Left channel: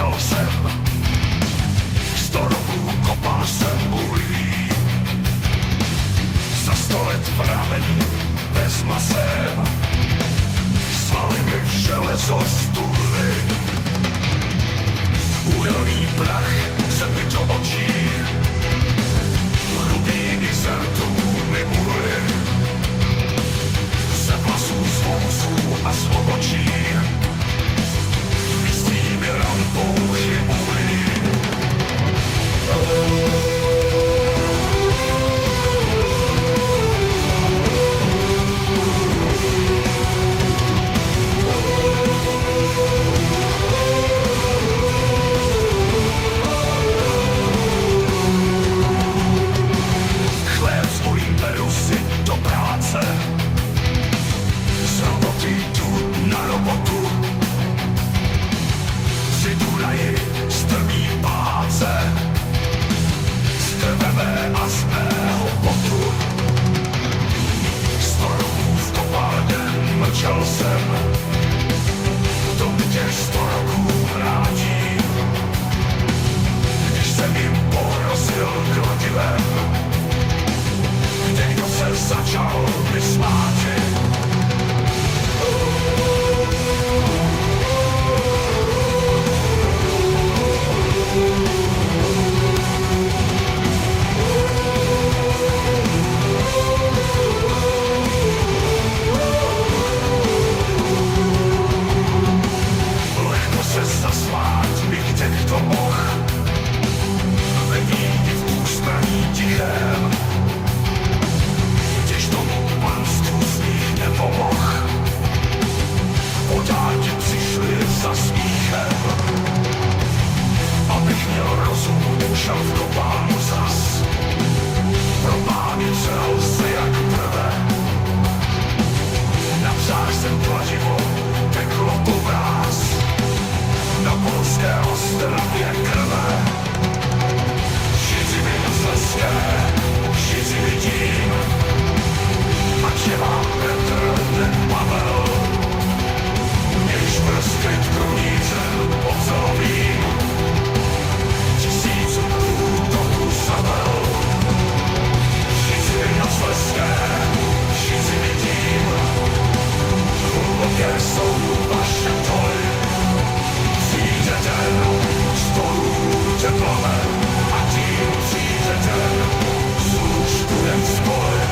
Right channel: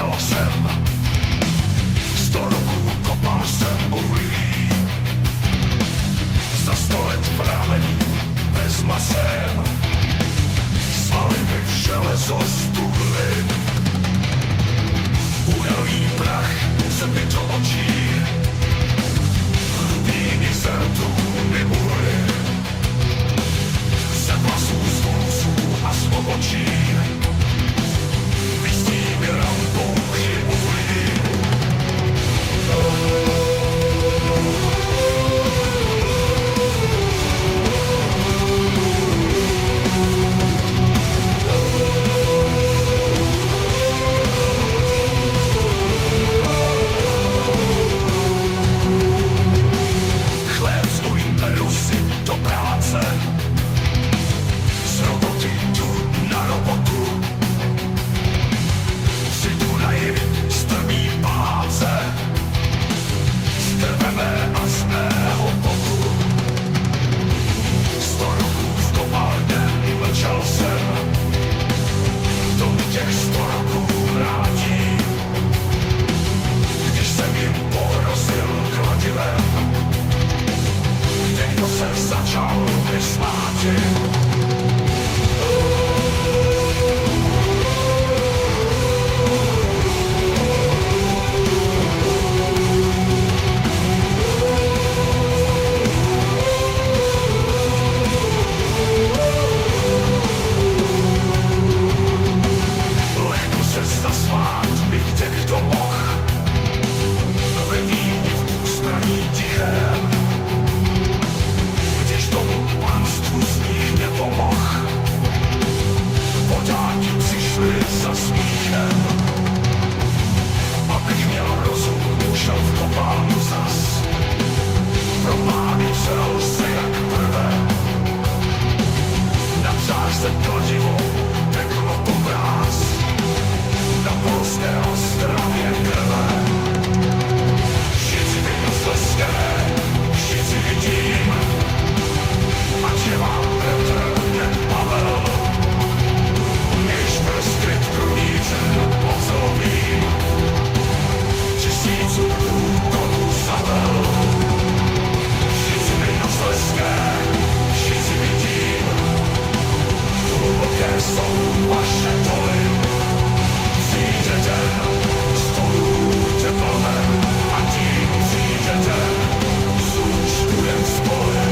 mlčel jsem. 100 roků kopal jsem uhlí. Za 100 let v ramení bez masem. Svaly mi v železo stuhly. Uhelný prach se mi do očí. Hlubiny zrtů mi uhly. Ze vlasů, z vousů a z obočí. Vystí mi rampouchy uhlí. Beru si do práce, z roboty jdu na robotu. Si Dunaji strmý páce, z krve mé a z mého potu. 100 roků v kopárně mlčel jsem, to mi těch 100 roků vrátí. Když jsem jim porozil kladivem, někdo se začal vysmáti. Lehko se zasmát mi kdo mohl, vedí v ústraní tichém. Když tomu panstvu z nich nepomohl, vodáky přišli za smíchem. Abych měl rozum, ušel v kopánu zas. Pro pány přel se jak prve. Na jsem kladivou teklo po vráz. Na polské Ostravě krve. Všichni mi na Slezské, všichni vidím. Ať je vám Petr nepavel, než prskryt krumířen ocelovým. 1000 útoků zabel. Všichni na Slezské, všichni vidím. Hluboké jsou vaše toly. Přijde den, stolů tě plamen, a tím přijde den, zůžtujem spoly.